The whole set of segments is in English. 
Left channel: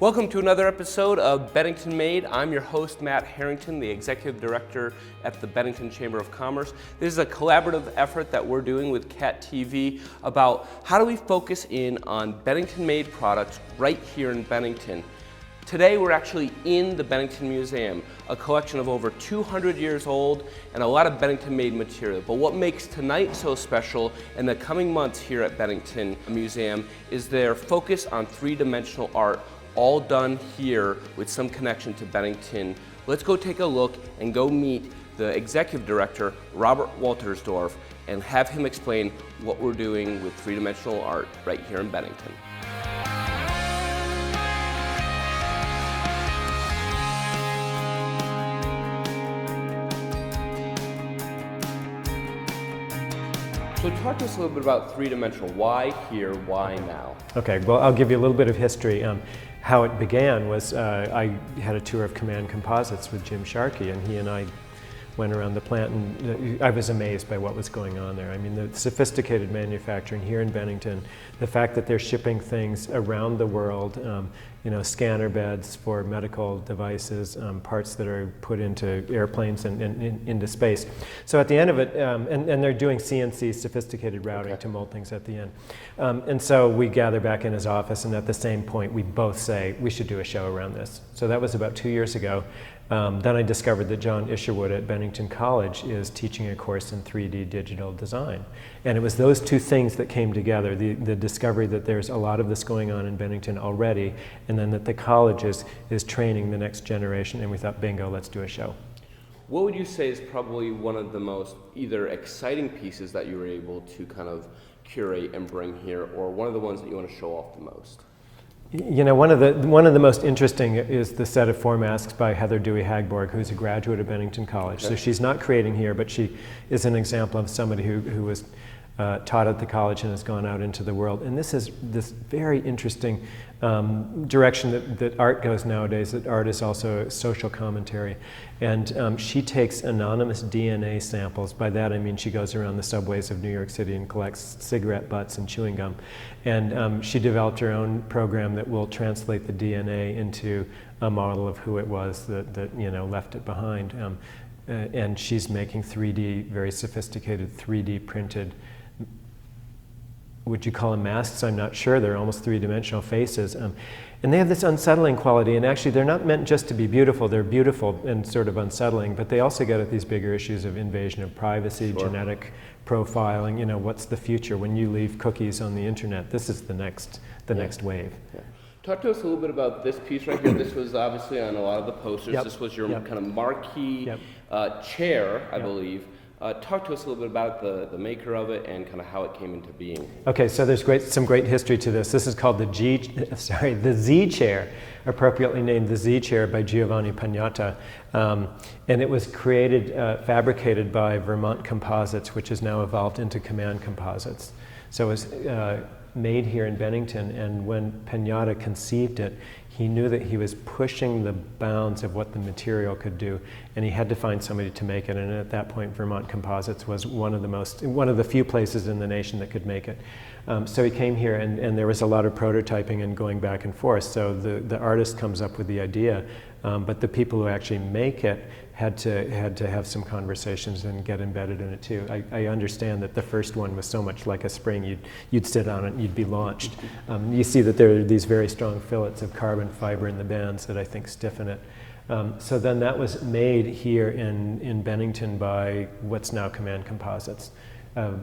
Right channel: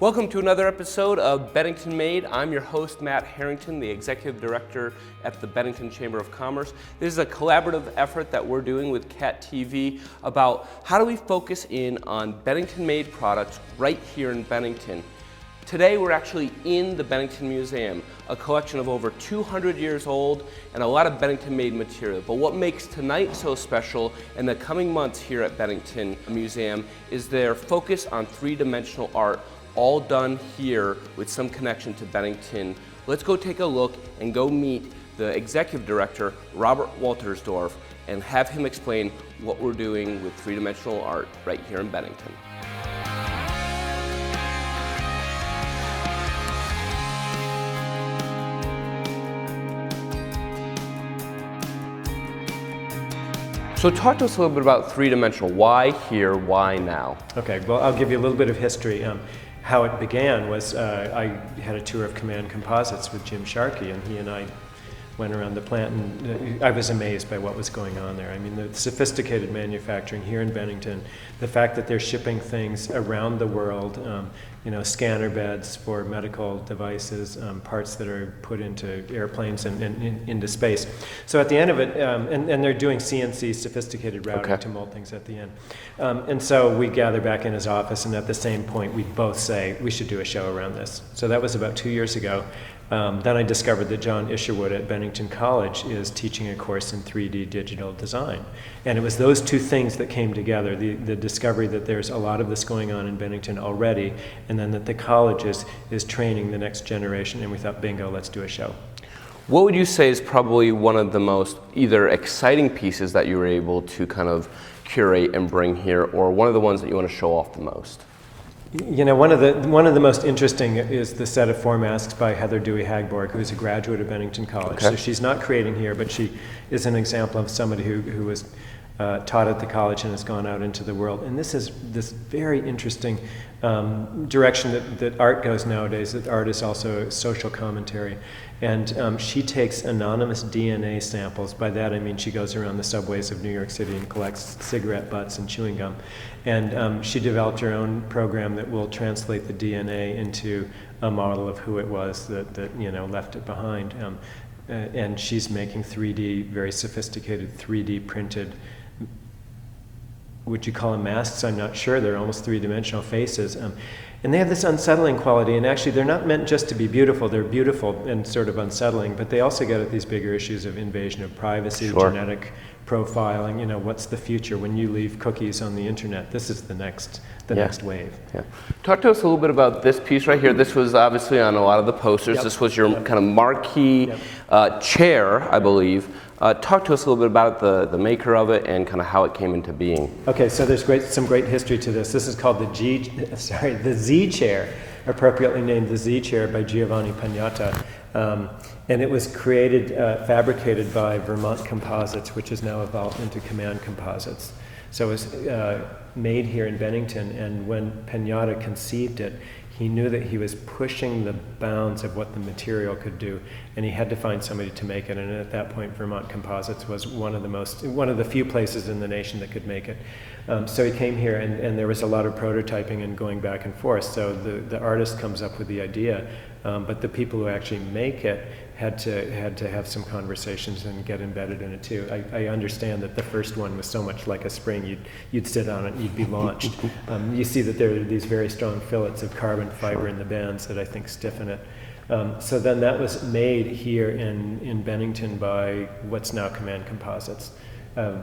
Welcome to another episode of Bennington Made. I'm your host, Matt Harrington, the Executive Director at the Bennington Chamber of Commerce. This is a collaborative effort that we're doing with CAT TV about how do we focus in on Bennington Made products right here in Bennington. Today we're actually in the Bennington Museum, a collection of over 200 years old and a lot of Bennington Made material. But what makes tonight so special and the coming months here at Bennington Museum is their focus on three-dimensional art, all done here with some connection to Bennington. Let's go take a look and go meet the Executive Director, Robert Wolterstorff, and have him explain what we're doing with three-dimensional art right here in Bennington. So talk to us a little bit about three-dimensional. Why here, why now? Okay, well, I'll give you a little bit of history. How it began was I had a tour of Command Composites with Jim Sharkey, and he and I went around the plant, and I was amazed by what was going on there. I mean, the sophisticated manufacturing here in Bennington, the fact that they're shipping things around the world, scanner beds for medical devices, parts that are put into airplanes and into space. So at the end of it, and they're doing CNC, sophisticated routing, to mold things at the end. And so we gather back in his office, and at the same point, we both say, we should do a show around this. So that was about 2 years ago. Then I discovered that John Isherwood at Bennington College is teaching a course in 3D digital design. And it was those two things that came together, the discovery that there's a lot of this going on in Bennington already, and then that the college is training the next generation, and we thought, bingo, let's do a show. What would you say is probably one of the most either exciting pieces that you were able to kind of curate and bring here, or one of the ones that you want to show off the most? You know, one of the most interesting is the set of four masks by Heather Dewey-Hagborg, who's a graduate of Bennington College. Okay. So she's not creating here, but she is an example of somebody who was taught at the college and has gone out into the world. And this is this very interesting direction that art goes nowadays, that art is also social commentary. And she takes anonymous DNA samples. By that I mean she goes around the subways of New York City and collects cigarette butts and chewing gum. And she developed her own program that will translate the DNA into a model of who it was that left it behind. And she's making 3D, very sophisticated 3D printed, would you call them masks? I'm not sure. They're almost three-dimensional faces. And they have this unsettling quality, and actually they're not meant just to be beautiful. They're beautiful and sort of unsettling, but they also get at these bigger issues of invasion of privacy, genetic profiling. What's the future when you leave cookies on the internet? This is the next wave. Yeah. Talk to us a little bit about this piece right here. This was obviously on a lot of the posters. Yep. This was your kind of marquee chair, I believe. Talk to us a little bit about the maker of it and kind of how it came into being. Okay, so there's some great history to this. This is called the Z chair, appropriately named the Z chair by Giovanni Pinata. And it was fabricated by Vermont Composites, which has now evolved into Command Composites. So it was made here in Bennington, and when Pinata conceived it, he knew that he was pushing the bounds of what the material could do, and he had to find somebody to make it. And at that point, Vermont Composites was one of the few places in the nation that could make it. So he came here, and there was a lot of prototyping and going back and forth. So the artist comes up with the idea, but the people who actually make it had to have some conversations and get embedded in it too. I understand that the first one was so much like a spring, you'd sit on it and you'd be launched. You see that there are these very strong fillets of carbon fiber in the bands that I think stiffen it. So then that was made here in Bennington by what's now Command Composites.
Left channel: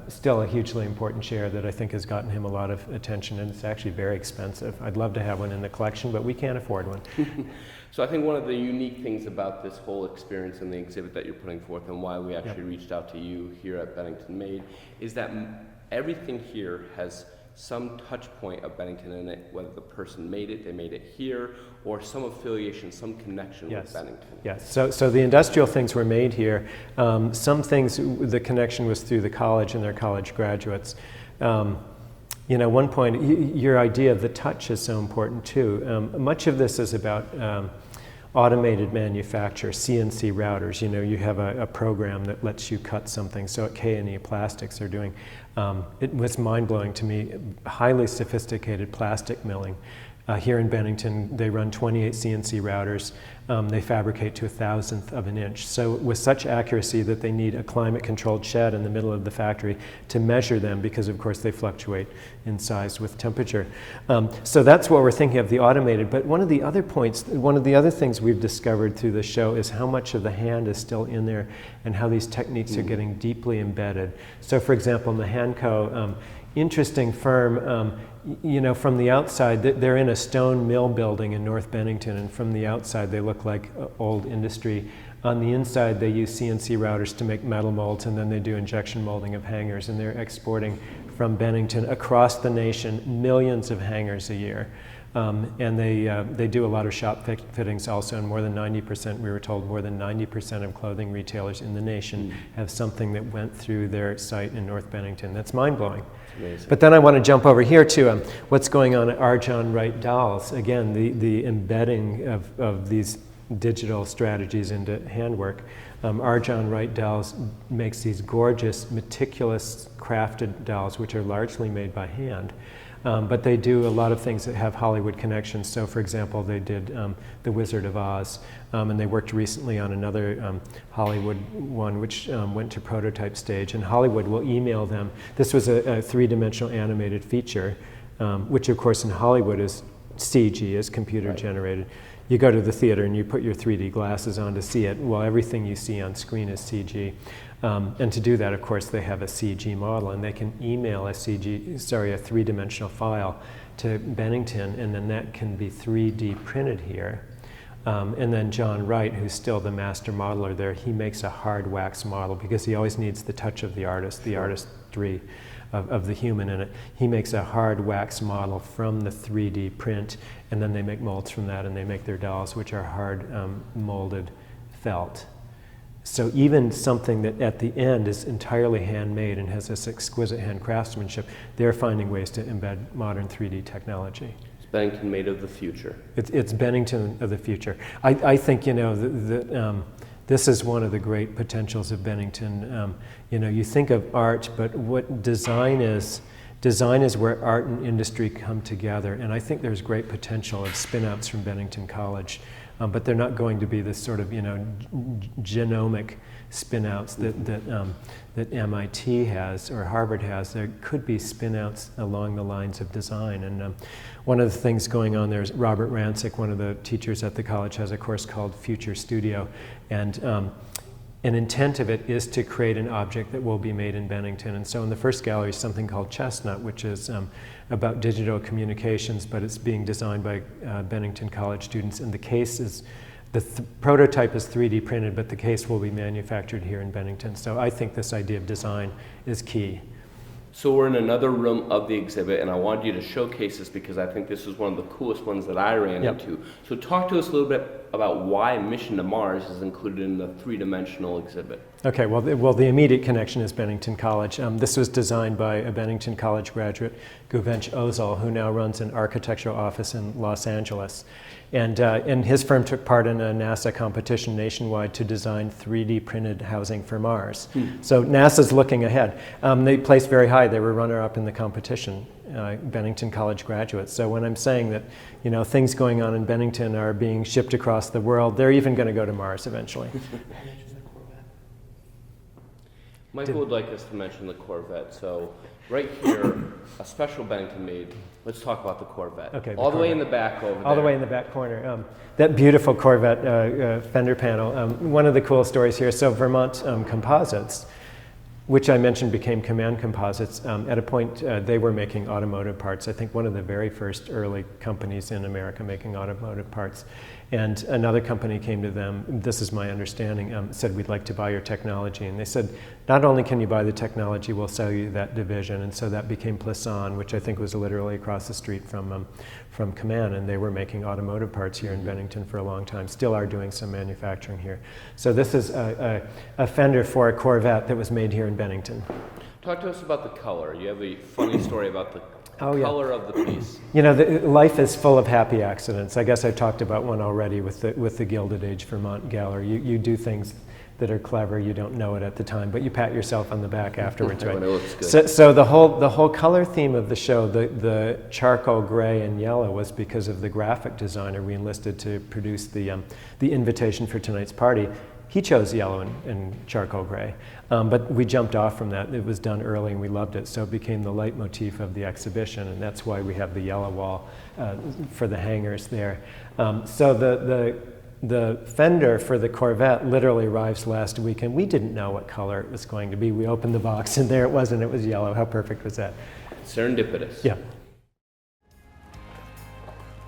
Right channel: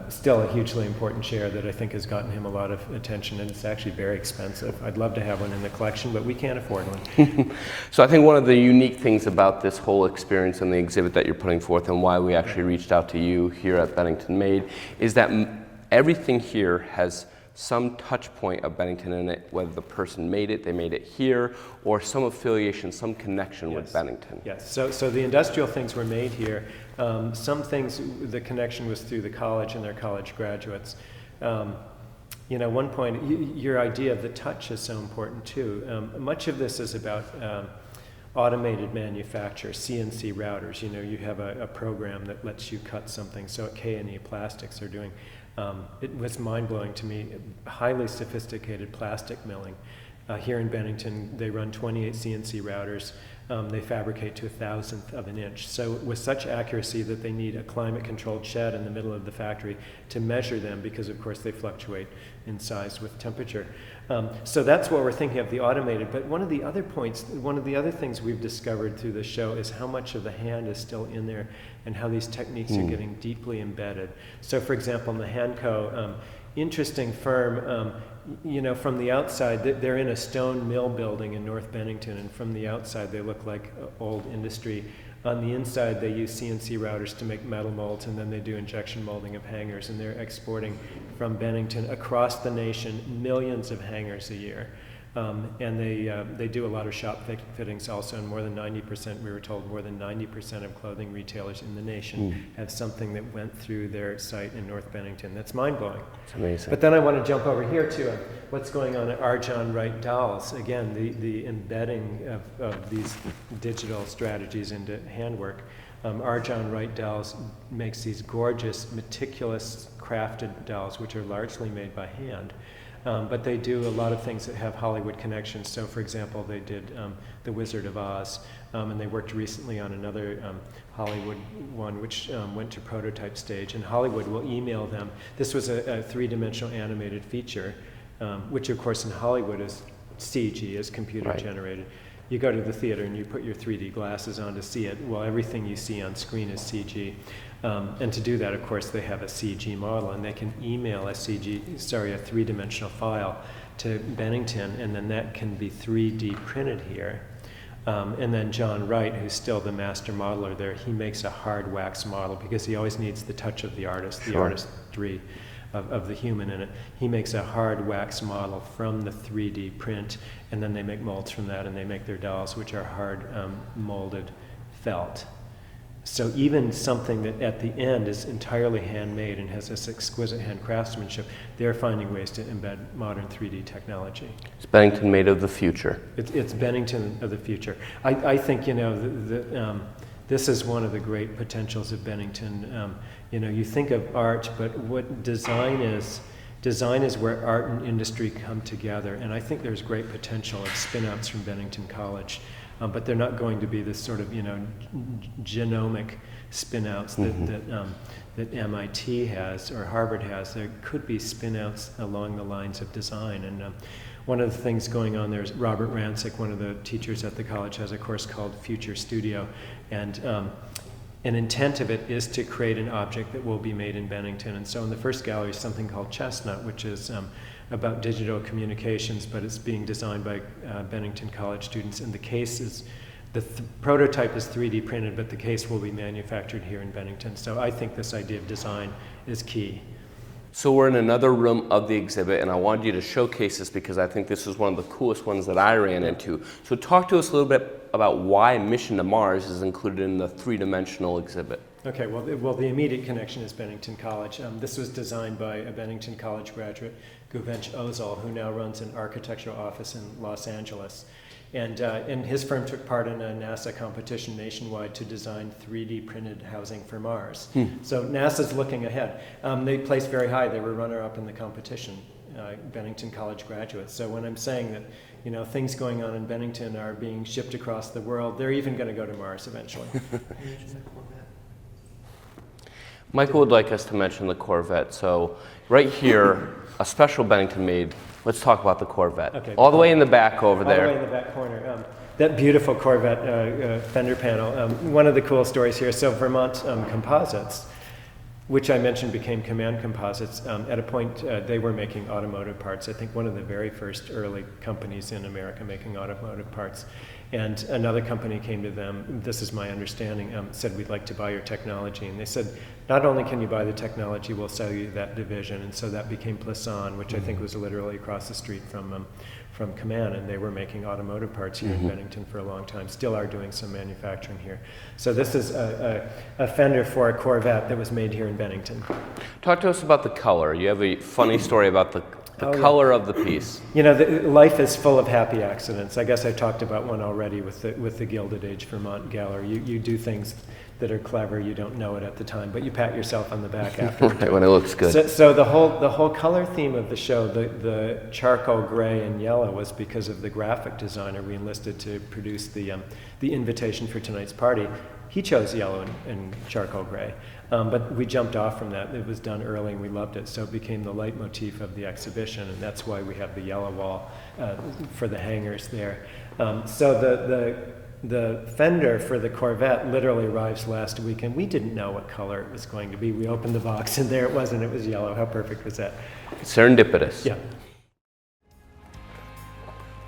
Still a hugely important chair that I think has gotten him a lot of attention, and it's actually very expensive. I'd love to have one in the collection, but we can't afford one. So I think one of the unique things about this whole experience and the exhibit that you're putting forth, and why we actually reached out to you here at Bennington Made, is that everything here has some touch point of Bennington in it, whether the person made it, they made it here, or some affiliation, some connection with Bennington. Yes, so the industrial things were made here. Some things, the connection was through the college and their college graduates. One point, your idea of the touch is so important too. Much of this is about automated manufacture, CNC routers. You have a program that lets you cut something. So at K&E Plastics they're doing, it was mind-blowing to me, highly sophisticated plastic milling. Here in Bennington, they run 28 CNC routers. They fabricate to 1,000th of an inch. So with such accuracy that they need a climate-controlled shed in the middle of the factory to measure them, because of course they fluctuate in size with temperature. So that's what we're thinking of, the automated. But one of the other points, one of the other things we've discovered through the show is how much of the hand is still in there and how these techniques are getting deeply embedded. So for example, Mahanco, interesting firm, you know, from the outside, they're in a stone mill building in North Bennington, and from the outside they look like old industry. On the inside, they use CNC routers to make metal molds, and then they do injection molding of hangers, and they're exporting from Bennington across the nation millions of hangers a year. And they do a lot of shop fittings also, and more than 90%, we were told, more than 90% of clothing retailers in the nation have something that went through their site in North Bennington. That's mind-blowing. It's amazing. But then I want to jump over here to what's going on at R. John Wright Dolls. Again, the embedding of these digital strategies into handwork. R. John Wright Dolls makes these gorgeous, meticulous crafted dolls, which are largely made by hand. But they do a lot of things that have Hollywood connections. So for example, they did The Wizard of Oz, and they worked recently on another Hollywood one, which went to prototype stage, and Hollywood will email them. This was a three-dimensional animated feature, which of course in Hollywood is CG, is computer generated. You go to the theater and you put your 3D glasses on to see it. Well, everything you see on screen is CG. And to do that, of course, they have a CG model, and they can email a three-dimensional file to Bennington, and then that can be 3D printed here. And then John Wright, who's still the master modeler there, he makes a hard wax model because he always needs the touch of the artist, the artistry of the human in it. He makes a hard wax model from the 3D print, and then they make molds from that, and they make their dolls, which are hard molded felt. So even something that at the end is entirely handmade and has this exquisite hand craftsmanship, they're finding ways to embed modern 3D technology. It's Bennington Made of the future. It's Bennington of the future. I think, you know, this is one of the great potentials of Bennington. You know, you think of art, but what design is where art and industry come together. And I think there's great potential of spin-outs from Bennington College. But they're not going to be this sort of, you know, genomic spin-outs that MIT has or Harvard has. There could be spin-outs along the lines of design. And one of the things going on there is Robert Rancic, one of the teachers at the college, has a course called Future Studio. And an intent of it is to create an object that will be made in Bennington. And so in the first gallery is something called Chestnut, which is about digital communications, but it's being designed by Bennington College students. And the case is, the prototype is 3D printed, but the case will be manufactured here in Bennington. So I think this idea of design is key. So we're in another room of the exhibit, and I wanted you to showcase this because I think this is one of the coolest ones that I ran into. So talk to us a little bit about why Mission to Mars is included in the three-dimensional exhibit. Okay, well, the immediate connection is Bennington College. This was designed by a Bennington College graduate, Giovanni, who now runs an architectural office in Los Angeles. And his firm took part in a NASA competition nationwide to design 3D printed housing for Mars. So NASA's looking ahead. They placed very high. They were runner-up in the competition, Bennington College graduates. So when I'm saying that, you know, things going on in Bennington are being shipped across the world, they're even going to go to Mars eventually. Michael would like us to mention the Corvette. So right here, a special Bennington Made. Let's talk about the Corvette. Okay, all the way in the back over there. All the way in the back corner. That beautiful Corvette fender panel. One of the cool stories here, so Vermont Composites, which I mentioned became Command Composites. At a point, they were making automotive parts. I think one of the very first early companies in America making automotive parts. And another company came to them, this is my understanding, said, we'd like to buy your technology. And they said, not only can you buy the technology, we'll sell you that division. And so that became Plisson, which I think was literally across the street from Command. And they were making automotive parts here in Bennington for a long time, still are doing some manufacturing here. So this is a fender for a Corvette that was made here in Bennington. Talk to us about the color. You have a funny story about the the color of the piece. You know, life is full of happy accidents. I guess I talked about one already with the Gilded Age Vermont Gallery. You do things that are clever, you don't know it at the time, but you pat yourself on the back afterwards. When it looks good. So the whole color theme of the show, the charcoal gray and yellow, was because of the graphic designer we enlisted to produce the invitation for tonight's party. He chose yellow and charcoal gray, but we jumped off from that. It was done early and we loved it, so it became the leitmotif of the exhibition, and that's why we have the yellow wall for the hangers there. So the Fender for the Corvette literally arrives last week, and we didn't know what color it was going to be. We opened the box, and there it was, and it was yellow. How perfect was that? Serendipitous. Yeah.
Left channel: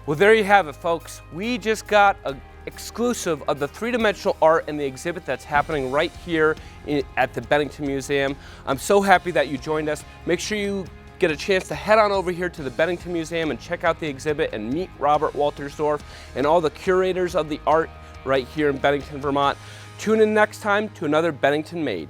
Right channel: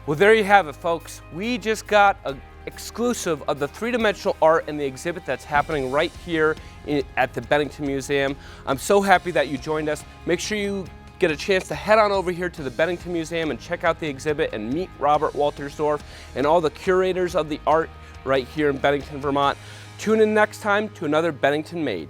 Well, there you have it, folks. We just got an exclusive of the three-dimensional art in the exhibit that's happening right here at the Bennington Museum. I'm so happy that you joined us. Make sure you get a chance to head on over here to the Bennington Museum and check out the exhibit and meet Robert Wolterstorff and all the curators of the art right here in Bennington, Vermont. Tune in next time to another Bennington Made.